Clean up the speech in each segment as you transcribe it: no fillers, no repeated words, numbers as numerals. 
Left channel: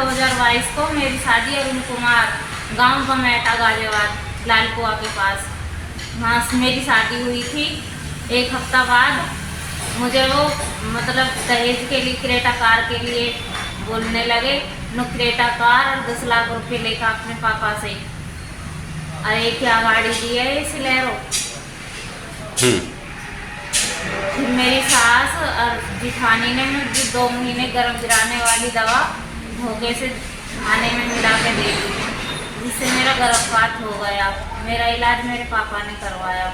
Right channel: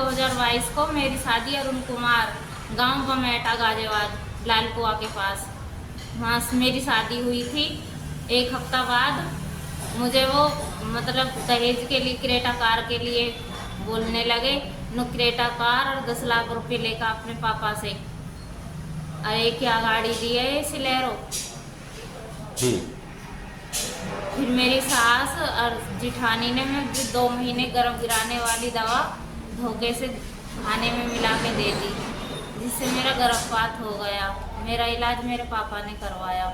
2022 को मेरी शादी अरुण कुमार गांव बमेटा गाजियाबाद लालकुआ के पास, वहाँ मेरी शादी हुई थी। एक हफ्ता बाद मुझे वो मतलब दहेज के लिए क्रेटा कार के लिए बोलने लगे, क्रेटा कार और 10 लाख रुपये लेकर अपने पापा से। अरे क्या गाड़ी दी है ये सिलेरो। फिर मेरी सास और जिठानी ने मुझे 2 महीने गर्भ गिराने वाली दवा भोगे से खाने में मिला के दे दी, जिससे मेरा गर्भपात हो गया। मेरा इलाज मेरे पापा ने करवाया।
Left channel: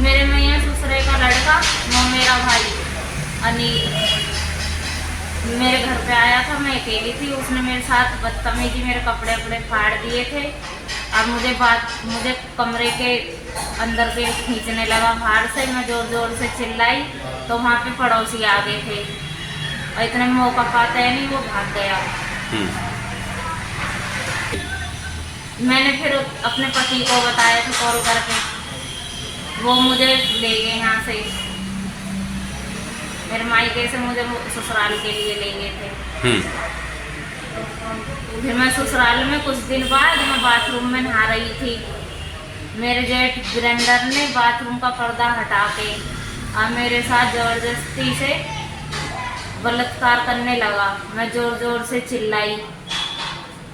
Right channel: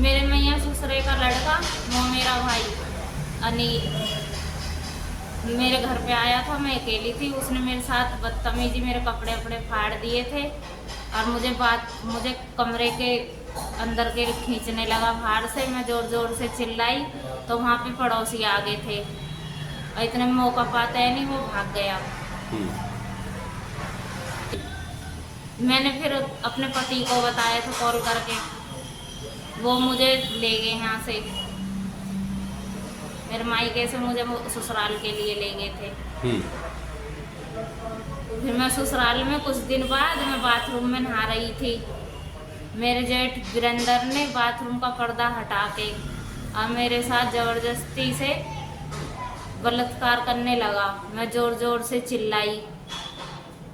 मेरे मैया ससुरे का लड़का वो मेरा भाई अनिल मेरे घर पे आया था। मैं अकेली थी, उसने मेरे साथ बदतमीजी मेरे कपड़े वपड़े फाड़ दिए थे और मुझे कमरे के अंदर के खींचने लगा बाहर से। मैं जोर जोर से चिल्लाई तो वहाँ पे पड़ोसी आ गए थे और इतने में मौका पाता है नहीं, वो भाग गया। मैंने फिर अपने पति को बताया तो कॉल करके, वो मुझे ले गए यहाँ से, मेरे मायके से मुझे ससुराल के लिए ले गए थे। फिर मैं ससुराल में कुछ दिन बाद मैं बाथरूम में नहा रही थी। मेरे जेठ ग्राइंडर ने बाथरूम का पर्दा हटा के और मेरे साथ ज़बरदस्ती से बलात्कार करने लगा। मैं ज़ोर ज़ोर से चिल्लाई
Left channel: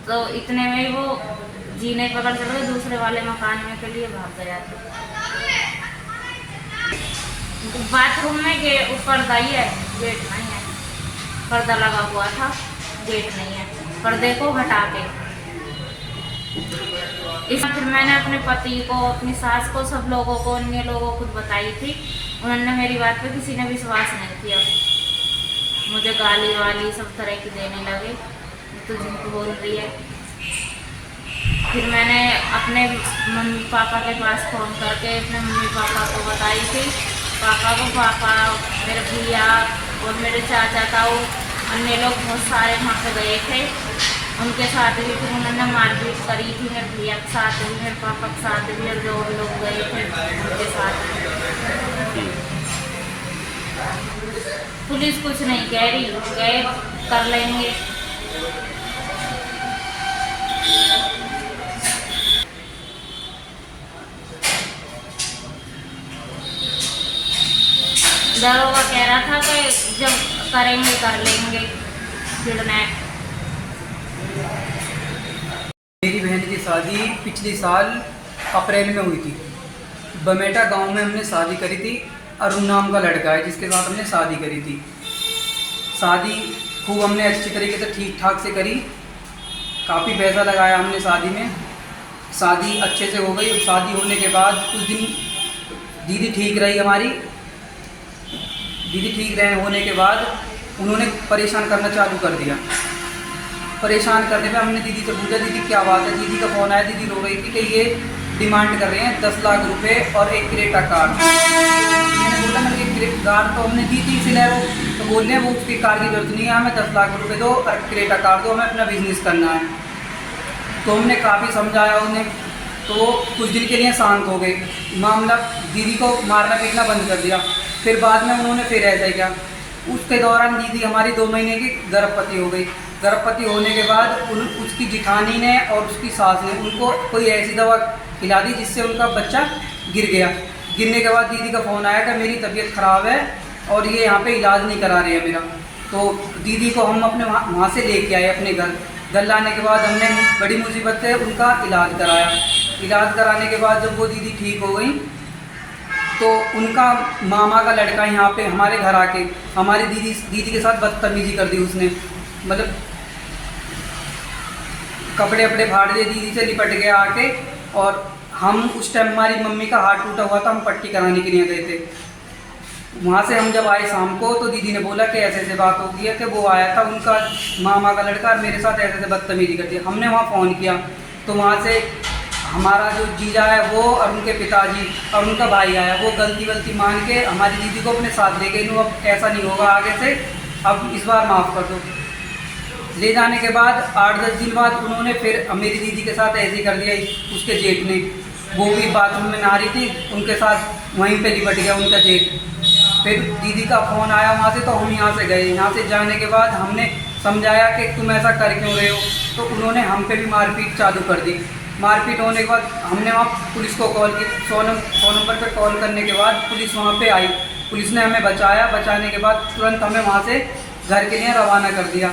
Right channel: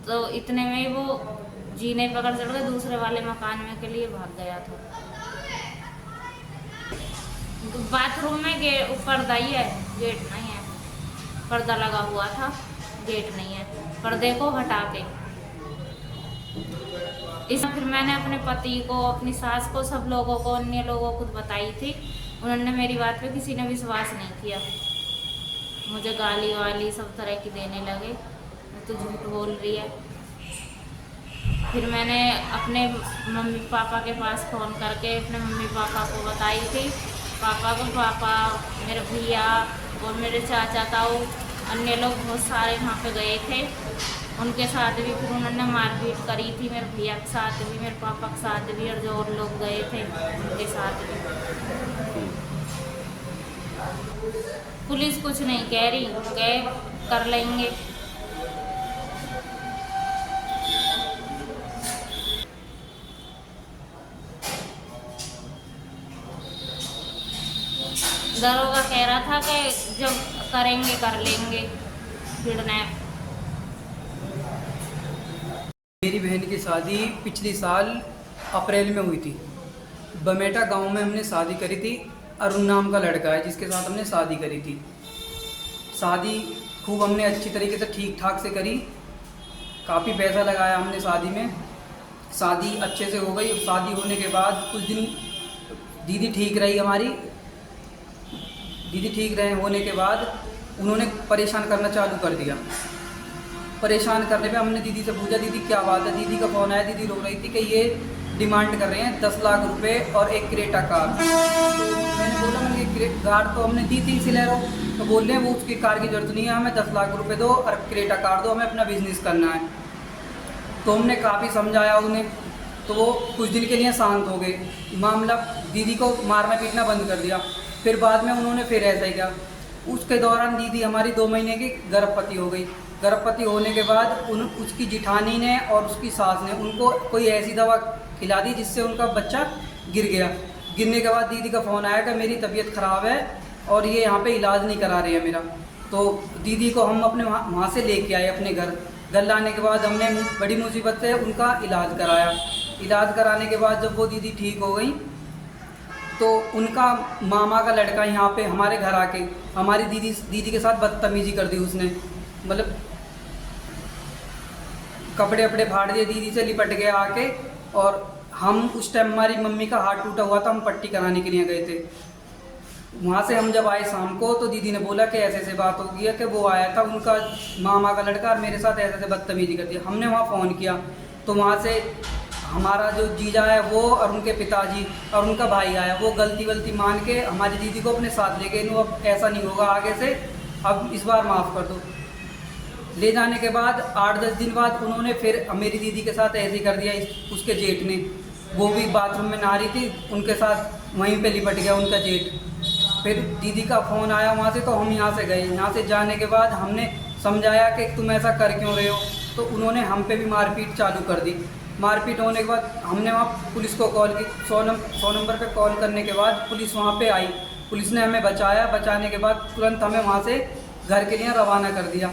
तो इतने में वो जीने पकड़ चल गए, दूसरे वाले मकान में के लिए भाग गया था। बाथरूम में पर्दा ही है, गेट नहीं है। पर्दा लगा हुआ था, गेट नहीं है। पर्दे को हटा के इसमें फिर मैंने अपने पति को, अपनी सास को, सब लोगों को, अन्य लोगों को बताई थी। उन्होंने मेरी बात पे किसी ने विश्वास नहीं किया। मुझे गाली वाली सब तरह की देने लगे, तो झूठ बोल रही है। फिर मैंने अपने मम्मी पापा के पास फ़ोन करके अपने मम्मी पापा को बताई थी। पापा मेरे भैया और मेरे चाचा ताऊ अन्य लोग बहुत सारे वहाँ पे गए थे। उनके साथ भी फिर उन्होंने मारपीट करी थी, मेरे भैया के साथ भी, मेरे पापा के साथ भी, मेरे 2 लोग गए थे उनके साथ। पुलिस कुछ नहीं कह रही, गए कर लेंगे। दरोगा कह रहा था कि जब करेंगे कर लेंगे किडनैप। मेरी बहन की शादी पिछले साल अप्रैल में हुई थी। बमेटा गांव में हमने शादी करी थी। अरुण नाम का लड़का है जिसके साथ हमने शादी करी थी। शादी खूब हमने अच्छी तरीके से ठीक ठाक से करी, काफ़ी पैसा लगाया हमने शादी में। शादी अच्छे से हो गई। शादी होने के बाद कुछ दिन दीदी ठीक रही हमारी। दीदी ठीक रहे होने के बाद उन्होंने परेशान करना चालू कर दिया। परेशान करने में हमने दीदी से पूछा, दीदी क्या बात है। दीदी का फ़ोन आया, दीदी रो रही थी कि ये डिमांड कर रहे हैं 10 लाख रुपए और एक क्रेटा कार। मैंने बोला मेरी कार तो हमने दी थी सिलेरो, तो बोल रहे हैं वो उसकी कार की जरूरत नहीं है, हमें 10 लाख रुपए दो और क्रेटा कार दो, हमें अपना बिजनेस करना है। तो हमने काफ़ी समझाया उन्हें, तो कुछ दिन के लिए शांत हो गए। मामला दीदी को मारना पीटना बंद कर दिया। फिर बाद में उन्होंने फिर ऐसा किया। उसके दौरान दीदी हमारी 2 महीने की गर्भवती हो गई। गर्भवती होने के बाद उसकी जिठानी ने और उसकी सास ने उनको कोई ऐसी दवा खिला दी जिससे उनका बच्चा गिर गया। गिरने के बाद दीदी का फ़ोन आया कि मेरी तबीयत ख़राब है और ये यहाँ पे इलाज नहीं करा रहे हैं मेरा। तो दीदी को हम अपने वहाँ से लेके आए अपने घर लाने के बाद हमने बड़ी मुसीबत से उनका इलाज कराया। इलाज कराने के बाद जब वो दीदी ठीक हो गई तो उनका मामा का लड़का यहाँ पे हमारे घर आके हमारी दीदी के साथ बदतमीजी कर दी उसने। मतलब कपड़े वपड़े फाड़ दिए, दीदी से लिपट गया आके। और हम उस टाइम हमारी मम्मी का हाथ टूटा हुआ था, हम पट्टी कराने के लिए गए थे। वहाँ से हम जब आए शाम को तो दीदी ने बोला कि ऐसे ऐसे बात हो गई है कि वो आया था उनका मामा का लड़का और मेरे साथ ऐसे ऐसे बदतमीजी करती है। हमने वहाँ फ़ोन किया तो वहाँ से हमारा जो जीजा है वो और उनके पिताजी और उनका भाई आया। वो गलती मान के हमारी दीदी को अपने साथ ले गए। अब ऐसा नहीं होगा आगे से, अब इस बार माफ़ कर दो। ले जाने के बाद 8-10 दिन बाद उन्होंने फिर मेरी दीदी के साथ ऐसे कर दिया। उसके जेठ ने, वो भी बाथरूम में नहा रही थी, उनके साथ वहीं पे लिपट गया उनका जेठ। फिर दीदी का फ़ोन आया वहाँ से, तो हम यहाँ से गए। यहाँ से जाने के बाद हमने समझाया कि तुम ऐसा कर क्यों रहे हो, तो उन्होंने हम पे भी मारपीट चालू कर दी। मारपीट होने के बाद हमने वहाँ पुलिस को कॉल की। 100 नंबर पर कॉल करने के बाद पुलिस वहाँ पे आई। पुलिस ने हमें बचाया। बचाने के बाद तुरंत हमें वहाँ से घर के लिए रवाना कर दिया।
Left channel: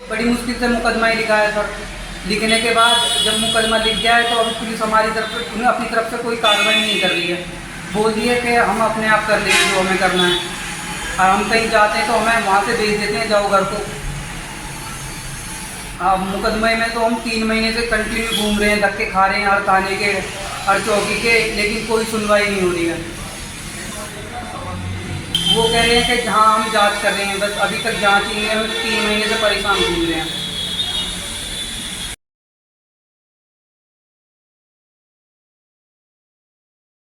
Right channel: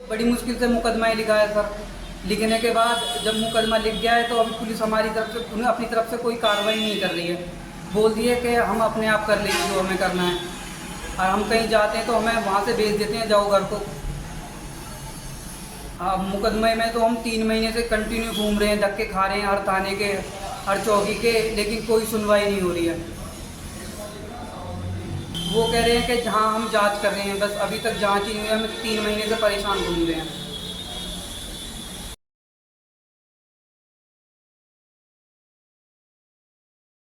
बड़ी मुश्किल से मुकदमा ही लिखाया सर। लिखने के बाद जब मुकदमा लिख गया है तो अभी पुलिस हमारी तरफ से, उन्हें अपनी तरफ से कोई कार्रवाई नहीं कर रही है। बोल रही है कि हम अपने आप कर लेंगे जो हमें करना है, और हम कहीं जाते हैं तो हमें वहाँ से भेज देते हैं, जाओ घर को। अब मुकदमे में तो हम 3 महीने से कंटिन्यू घूम रहे हैं, धक्के खा रहे हैं हर थाने के, हर चौकी के, लेकिन कोई सुनवाई नहीं हो रही है। वो कह रहे हैं कि हाँ हम जांच कर रहे हैं, बस अभी तक जांच ही नहीं है। हम 3 महीने से परेशान घूम रहे हैं।